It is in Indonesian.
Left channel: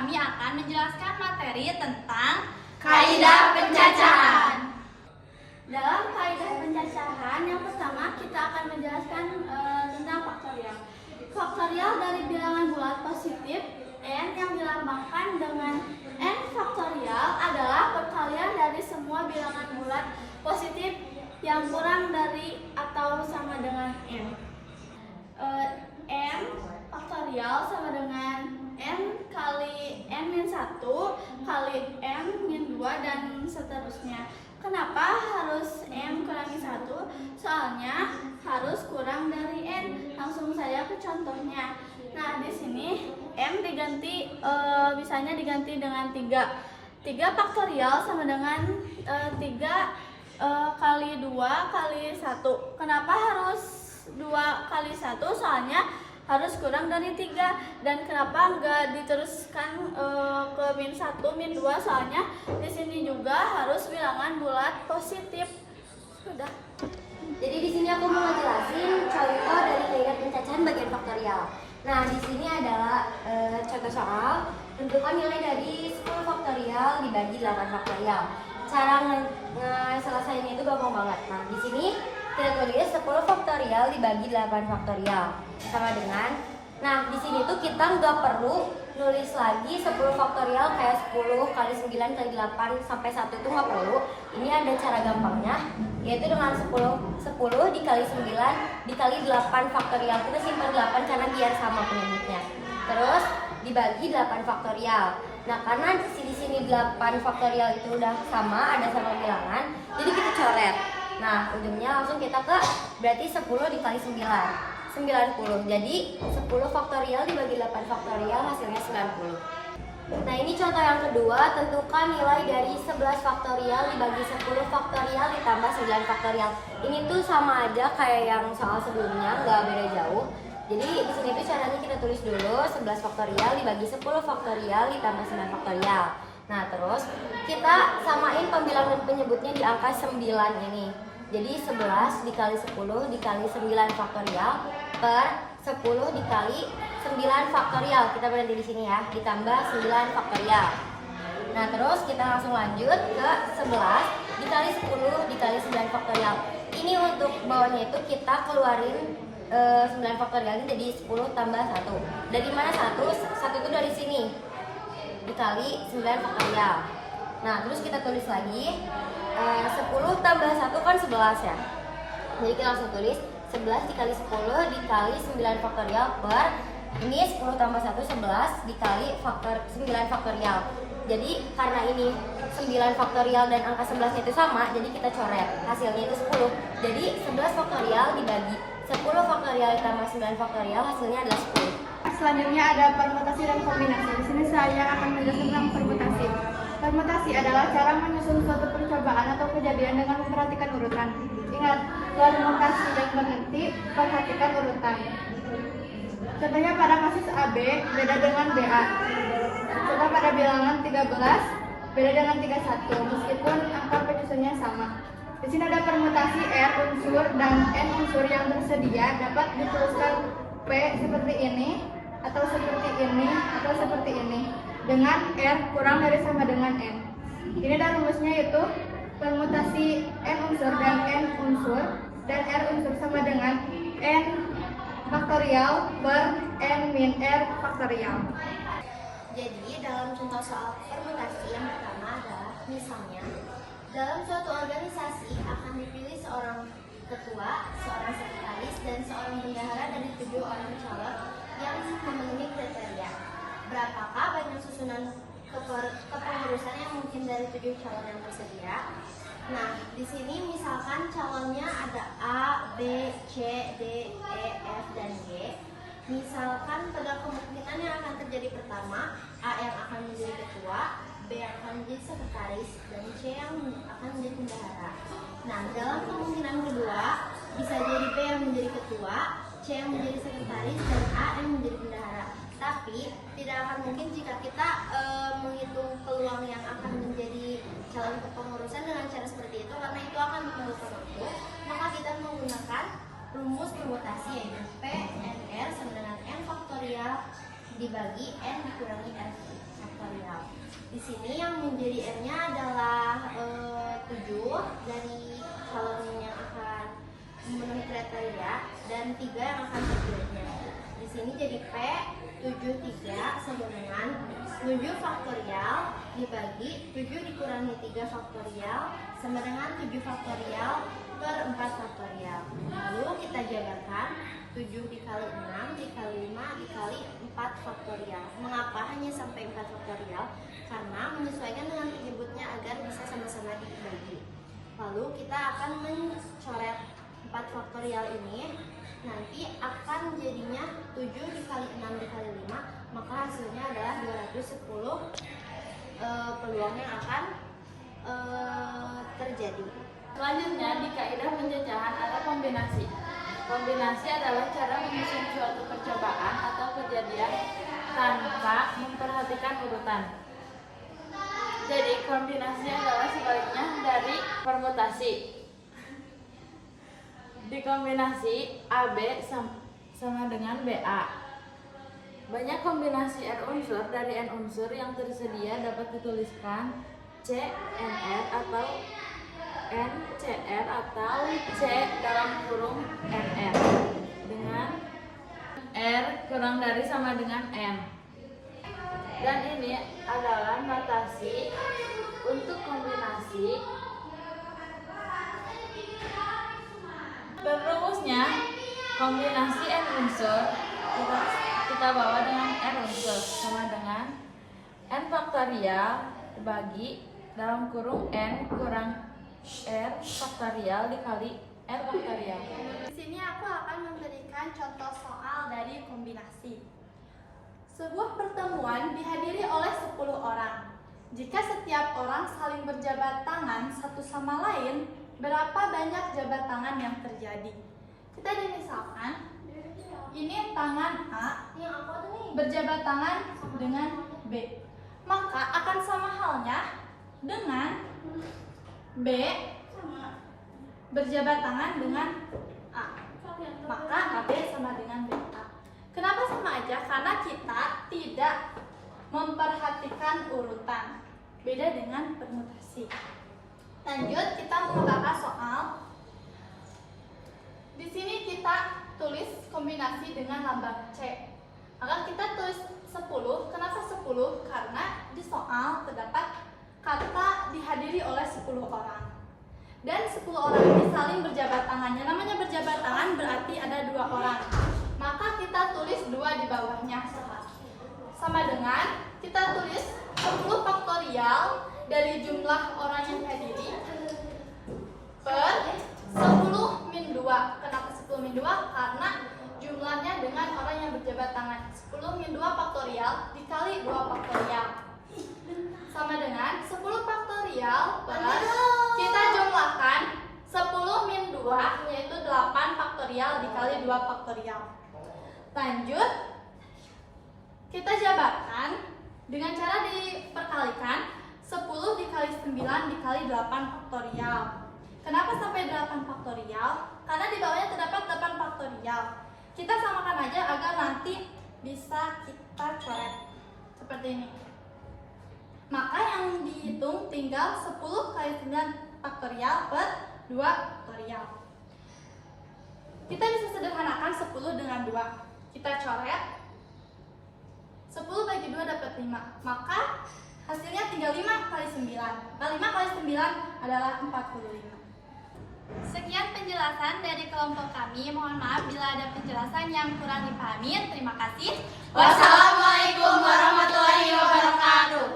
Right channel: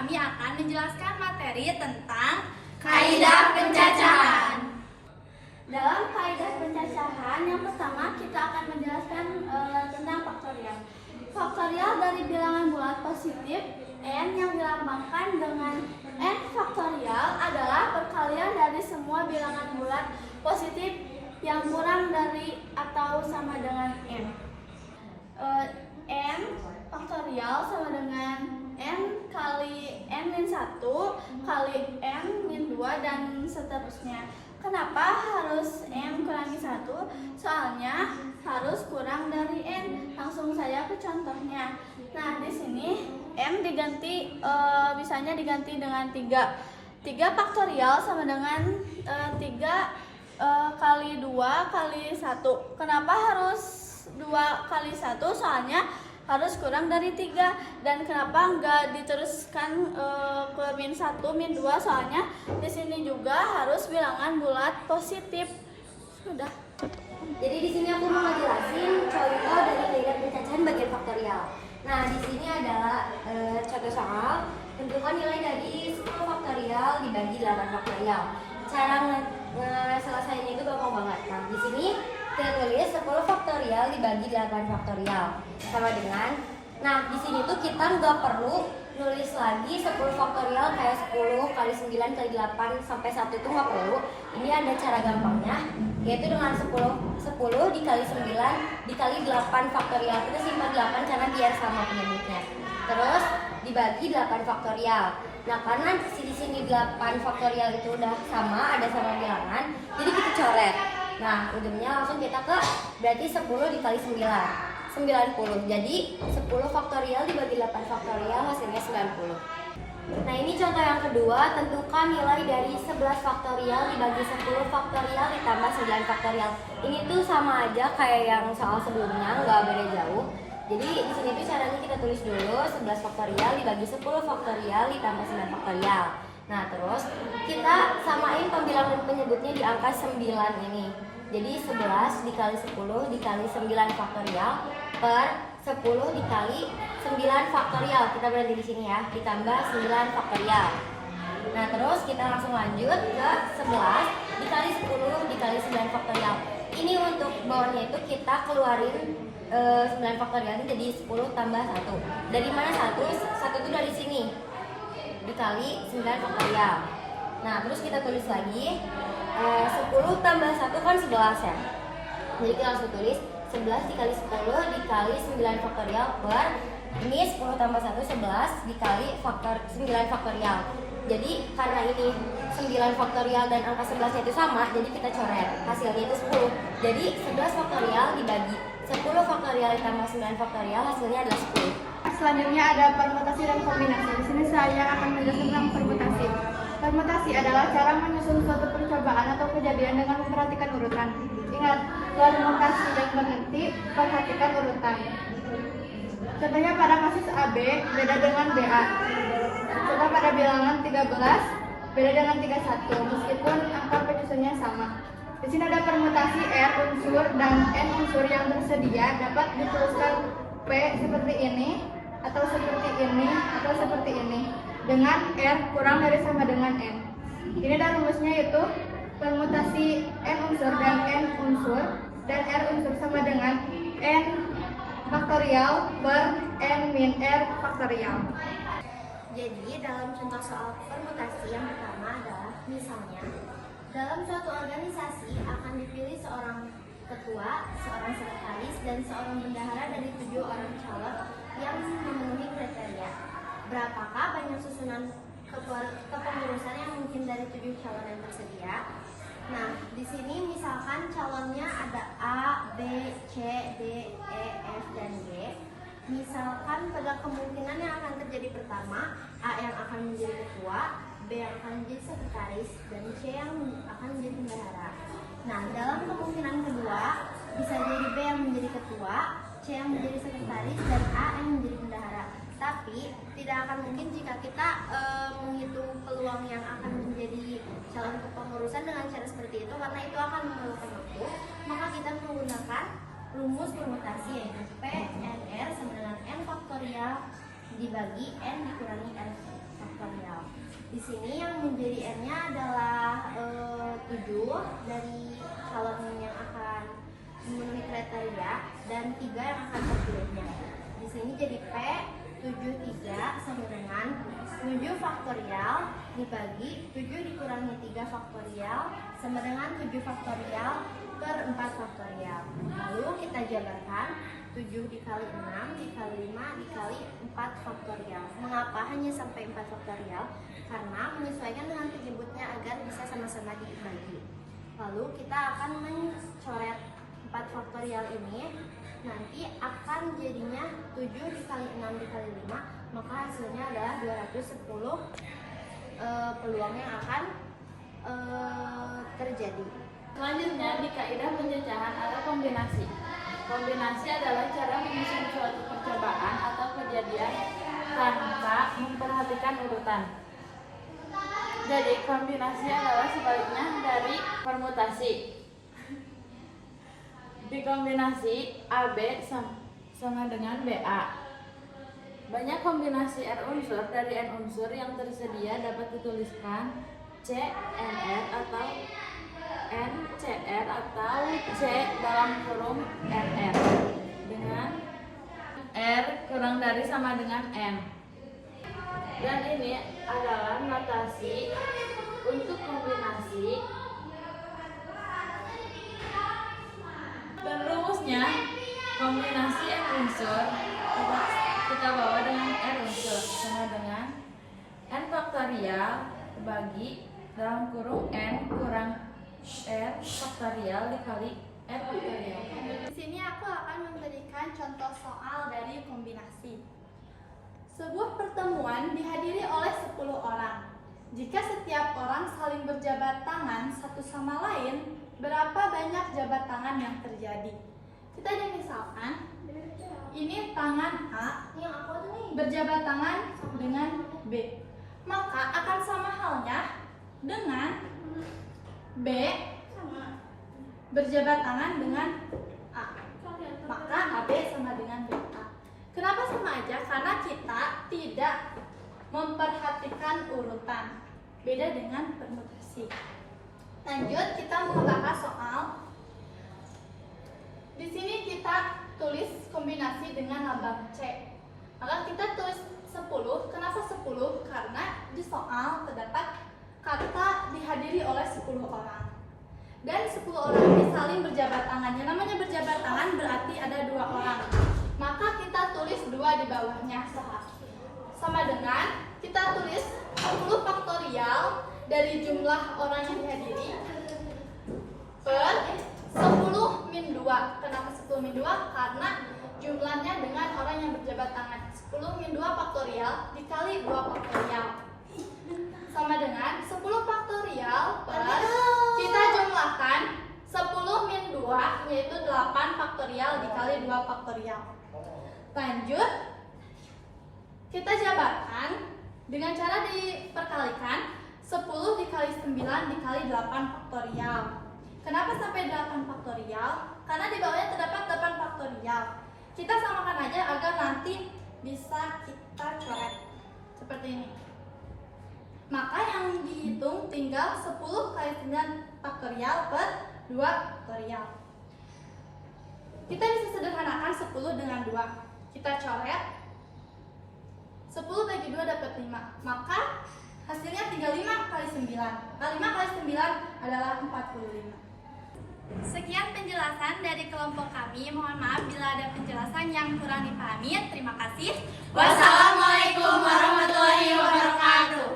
kami akan menjelaskan materi tentang kaidah pencacahan. Dalam kaidah pencacahan, yang pertama kita akan menjelaskan tentang faktorial. Faktorial dari bilangan bulat positif n yang dilambangkan dengan n faktorial adalah perkalian dari semua bilangan bulat positif yang kurang dari atau sama dengan n. N faktorial sama dengan n kali n-1 kali n-2 dan seterusnya. Kenapa harus n kurangi 1? Soalnya harus kurang dari n. Langsung saja ke contohnya. Nah, di sini n diganti bisanya diganti dengan 3. 3 faktorial sama dengan 3 kali 2 kali 1. Kenapa harus 2 kali 1? Soalnya harus kurang dari 3. Dan kenapa enggak diteruskan ke -1, -2? Soalnya di sini juga harus bilangan bulat positif. Sudah. Jadi di sini aku mau ngejelasin contoh dari kaidah pencacahan bagian faktorial. Nah, di sini adalah contoh soal tentukan nilai dari 10 faktorial dibagi 8 faktorial. Cara selesainya itu gampang banget. Nah, di sini kita tulis 10 faktorial dibagi 8 faktorial sama dengan, nah di sini tuh kita nggak perlu nulis lagi 10 faktorial kayak 10 kali 9 kali 8 sampai 1 itu nggak perlu. Ini ada cara gampangnya, yaitu dengan 10 dikali 9 dikali 8 faktorial. Kita simpan 8 karena biar sama penyebutnya. Terus dibagi 8 faktorial. Nah, karena di sini 8 faktorial itu udah sama, ada sama bilangan, jadi kita coret. Nah, ujungnya langsung kita ke berarti 10 dikali 9, 90. Jadi 10 faktorial dibagi 8 faktorial hasilnya 90. Nah, ini contoh yang kedua, tentukan nilai dari 11 faktorial dibagi 10 faktorial ditambah 9 faktorial. Ini tuh sama aja kayak yang soal sebelumnya, nggak beda jauh. Jadi di sini tuh caranya kita tulis dulu 11 faktorial dibagi 10 faktorial ditambah 9 faktorial. Nah, terus kita samain pembilang dan penyebutnya di angka 9 ini. Jadi 11 dikali 10 dikali 9 faktorial per 10 dikali 9 faktorial. Kita berhenti di sini ya, ditambah 9 faktorial. Nah, terus kita langsung lanjut ke 11 dikali 10 dikali 9 faktorial. Ini untuk bawahnya itu kita keluarin 9 faktorial ini jadi 10 tambah 1. Dari mana 1? 1 itu dari sini dikali 9 faktorial. Nah, terus kita tulis lagi 10 tambah 1 kan 11 ya. Jadi kita langsung tulis 11 dikali 10 dikali 9 faktorial per ini 10 tambah 1 11 dikali 9 faktorial. Jadi karena ini 9 faktorial dan angka 11 itu sama, jadi kita coret. Hasilnya itu 10. Jadi 11 faktorial dibagi 10 faktorial ditambah 9 faktorial hasilnya adalah 10. Selanjutnya ada permutasi dan kombinasi. Di sini saya akan menjelaskan tentang permutasi. Permutasi adalah cara menyusun suatu percobaan atau kejadian dengan memperhatikan urutan. Ingat, permutasi yang berhenti, perhatikan urutan. Contohnya pada kasus AB beda dengan BA. Contoh pada bilangan 13 beda dengan 31 meskipun angka penyusunnya sama. Di sini ada permutasi R unsur dan N unsur yang tersedia dapat dituliskan P seperti ini atau seperti ini atau seperti ini dengan R kurang dari sama dengan N. Ini ada rumusnya, yaitu permutasi N unsur dan N unsur dan R unsur sama dengan N faktorial per N min R faktorial. Jadi dalam contoh soal permutasi yang pertama adalah misalnya dalam suatu organisasi akan dipilih seorang ketua, seorang sekretaris, dan seorang bendahara dari 7 orang calon yang memenuhi kriteria. Berapakah banyak susunan kepengurusan yang mungkin dari 7 calon yang tersedia? Nah, di sini misalkan calonnya ada A, B, C, D, E, F, dan G. Misalkan pada kemungkinan yang akan terjadi pertama, A yang akan menjadi ketua, B yang akan menjadi sekretaris, dan C yang akan menjadi bendahara. Nah, dalam kemungkinan kedua, bisa jadi B yang menjadi ketua, C yang menjadi sekretaris, dan A yang menjadi bendahara. Tapi tidak akan mungkin jika kita menghitung peluang yang akan menjadi calon kepengurusan dengan cara seperti itu, karena itu akan memerlukan waktu. Maka kita menggunakan rumus permutasi, yaitu P N R sama dengan N faktorial dibagi N dikurangi R. faktorial. Di sini yang menjadi N-nya adalah 7 dari calon yang akan memenuhi kriteria dan 3 yang akan terpilihnya. Di sini jadi P 73 sama dengan 7 faktorial dibagi 7 dikurangi 3 faktorial sama dengan 7 faktorial per 4 faktorial. Lalu kita jabarkan 7 dikali 6 dikali 5 dikali 4 faktorial. Mengapa hanya sampai 4 faktorial? Karena menyesuaikan dengan penyebutnya agar bisa sama-sama dibagi. Lalu kita akan mencoret 4 faktorial ini. Nanti akan jadinya 7 dikali 6 dikali 5, maka hasilnya adalah 210 peluang yang akan terjadi. Selanjutnya, di kaidah penjajahan ada kombinasi. Kombinasi adalah cara menyusun suatu percobaan atau kejadian tanpa memperhatikan urutan. Jadi, kombinasi adalah sebaliknya dari permutasi. Di kombinasi AB sama dengan BA. Banyak kombinasi R unsur dari N unsur yang tersedia dapat dituliskan CNR atau NCR atau C dalam kurung NR dengan R kurang dari sama dengan N. Dan ini adalah notasi untuk kombinasi. Dan rumusnya, kombinasi N unsur kita bawa dengan R unsur sama dengan N faktorial bagi dalam kurung N kurang R faktorial dikali R faktorial. Di sini aku akan memberikan contoh soal dari kombinasi. Sebuah pertemuan dihadiri oleh 10 orang. Jika setiap orang saling berjabat tangan satu sama lain, berapa banyak jabat tangan yang terjadi? Kita jadi misalkan, ini tangan A berjabat tangan dengan B. Maka akan sama halnya dengan B berjabat tangan dengan A. Maka AB sama dengan BA. Kenapa sama aja? Karena kita tidak memperhatikan urutan. Beda dengan permutasi. Lanjut, kita membahas soal. Di sini kita tulis kombinasi dengan lambang C. Maka kita tulis 10. Kenapa 10? Karena di soal terdapat kata dihadiri oleh 10 orang. Dan 10 orang ini saling berjabat tangannya. Namanya berjabat tangan berarti ada 2 orang. Maka kita tulis 2 di bawahnya. Sama dengan kita tulis 10 faktorial dari jumlah orang yang dihadiri per 10 min 2. Kenapa 10 min 2? Karena jumlahnya dengan orang yang berjabat tangan. 10 min 2 faktorial dikali 2 faktorial sama dengan 10 faktorial per kita jumlahkan 10 min 2 yaitu 8 faktorial dikali 2 faktorial. Lanjut, kita jabarkan dengan cara diperkalikan 10 dikali 9 dikali 8 faktorial. Kenapa sampai 8 faktorial? Karena di bawahnya terdapat 8 faktorial. Kita samakan aja agar nanti bisa kita coret seperti ini. Maka yang dihitung tinggal 10 kali 9 faktorial per 2 faktorial. Kita bisa sederhanakan 10 dengan 2. Kita coret 10 bagi 2 dapat 5. Maka hasilnya tinggal 5 kali 9. Nah, 5 kali 9 adalah 45. Sekian penjelasan dari kelompok kami. Mohon maaf bila ada penjelasan yang kurang dipahami. Terima kasih. Wassalamualaikum warahmatullahi wabarakatuh.